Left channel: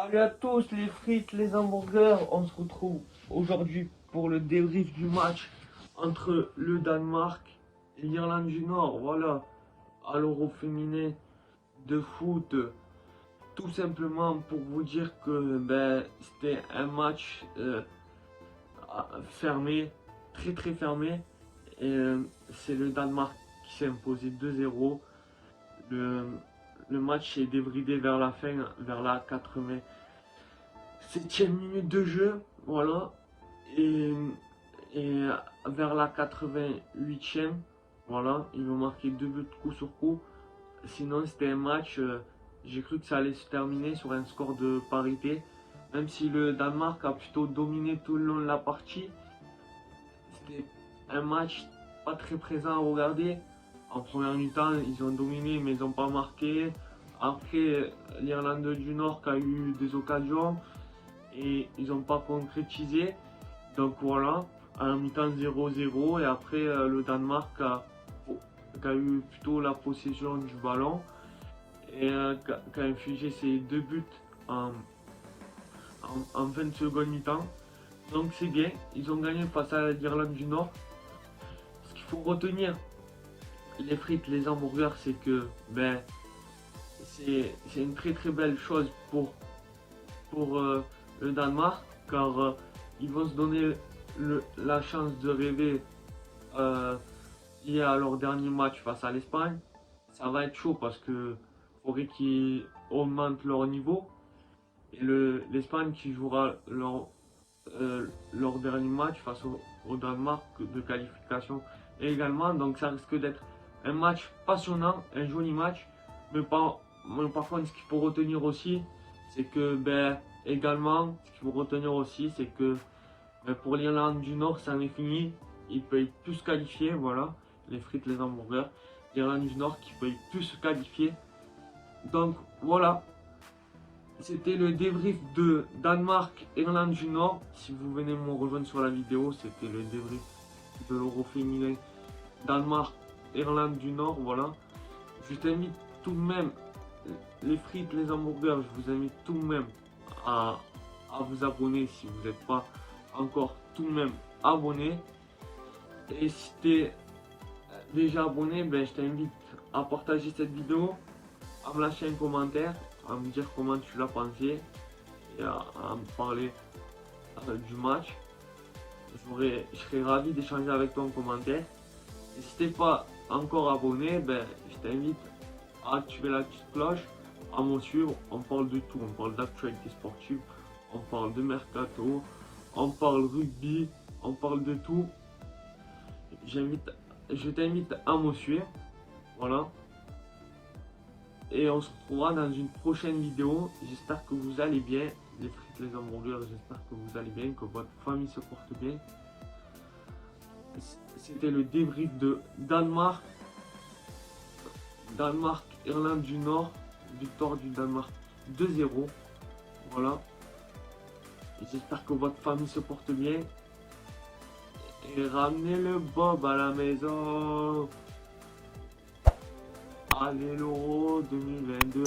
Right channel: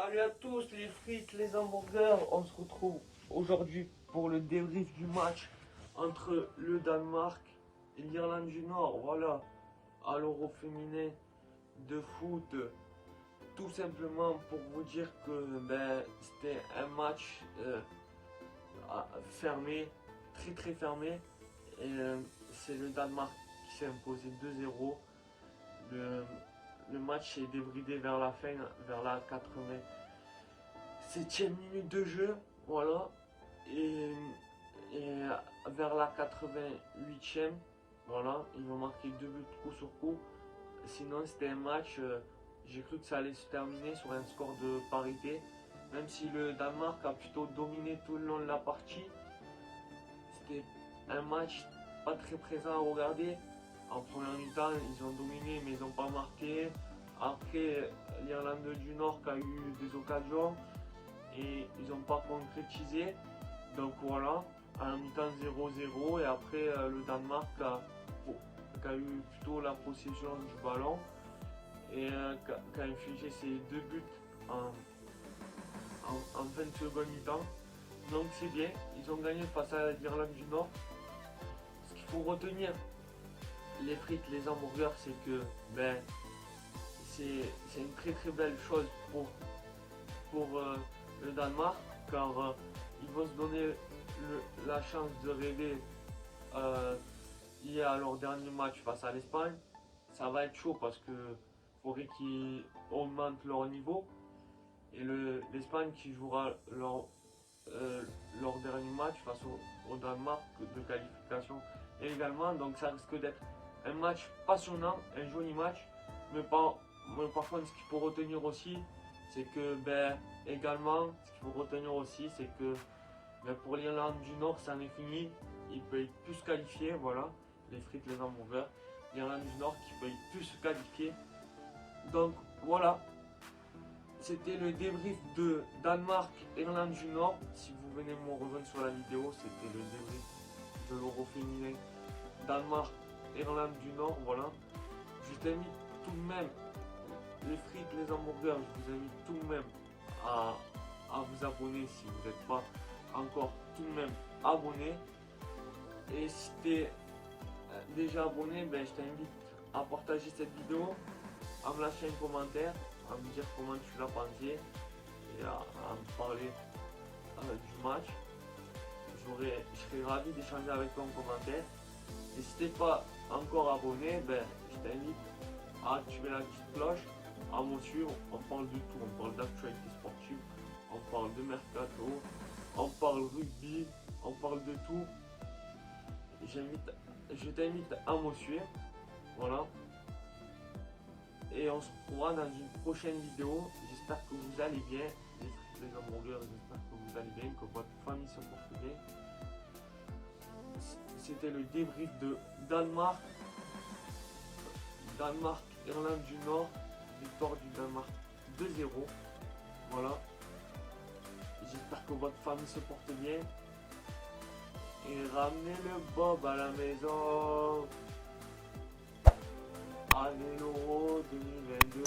Salut à tous les frites, les hamburgers, on se retrouve aujourd'hui pour le débrief du match entre le Danemark et l'Irlande du Nord, voilà, à l'Euro féminin de foot, tout simplement pour vous dire que c'était un match fermé, très fermé, et c'est le Danemark qui s'est imposé 2-0. Le match s'est débridé vers la fin, vers la 87e minute de jeu, voilà, et, et vers la 88e, voilà, ils ont marqué 2 buts coup sur coup. Sinon, c'était un match, j'ai cru que ça allait se terminer sur un score de parité, même si le Danemark a plutôt dominé tout le long de la partie. C'était un match pas très présent à regarder. En première mi-temps, ils ont dominé, mais ils n'ont pas marqué. Après, l'Irlande du Nord a eu des occasions et ils n'ont pas concrétisé. Donc voilà, à la mi-temps 0-0. Et après, le Danemark a eu plutôt la possession du ballon et qui a infligé ses 2 buts en 20 secondes mi-temps. Donc c'est bien, ils ont gagné face à l'Irlande du Nord. Ce qu'il faut retenir, les frites, les hamburgers, c'est que c'est une très belle chose pour le Danemark, car ils vont se donner la chance de rêver lié à leur dernier match face à l'Espagne. Ça va être chaud parce que faudrait qu'ils augmentent leur niveau, et l'Espagne qui jouera leur dernier match face au Danemark de qualification également. Donc ça risque d'être un match passionnant, un joli match. Mais par contre, ce qu'il faut retenir aussi, c'est que pour l'Irlande du Nord, ça en est fini. Ils peuvent plus se qualifier, voilà, les frites, les hamburgers. L'Irlande du Nord qui peut plus se qualifier. Donc voilà. C'était le débrief de Danemark-Irlande du Nord. Si vous venez me rejoindre sur la vidéo, c'était le débrief de l'Euro féminin Danemark-Irlande du Nord. Voilà. Je t'invite tout de même, les frites, les hamburgers, je vous invite tout de même à vous abonner si vous n'êtes pas encore tout de même abonné. Et si tu es déjà abonné, je t'invite à partager cette vidéo, à me lâcher un commentaire, à me dire comment tu l'as pensé et à me parler du match. Je serais ravi d'échanger avec toi en commentaire. Et si tu n'es pas encore abonné, je t'invite à activer la petite cloche, à me suivre. On parle de tout, on parle d'actualité sportive, on parle de mercato, on parle rugby, on parle de tout. Je t'invite à me suivre, voilà. Et on se retrouvera dans une prochaine vidéo. J'espère que vous allez bien, les frites, les hamburgers, j'espère que vous allez bien, que votre famille se porte bien. C'était le débrief de Irlande du Nord, victoire du Danemark 2-0, voilà. J'espère que votre famille se porte bien. Et ramenez le Bob à la maison. Allez l'Euro 2022.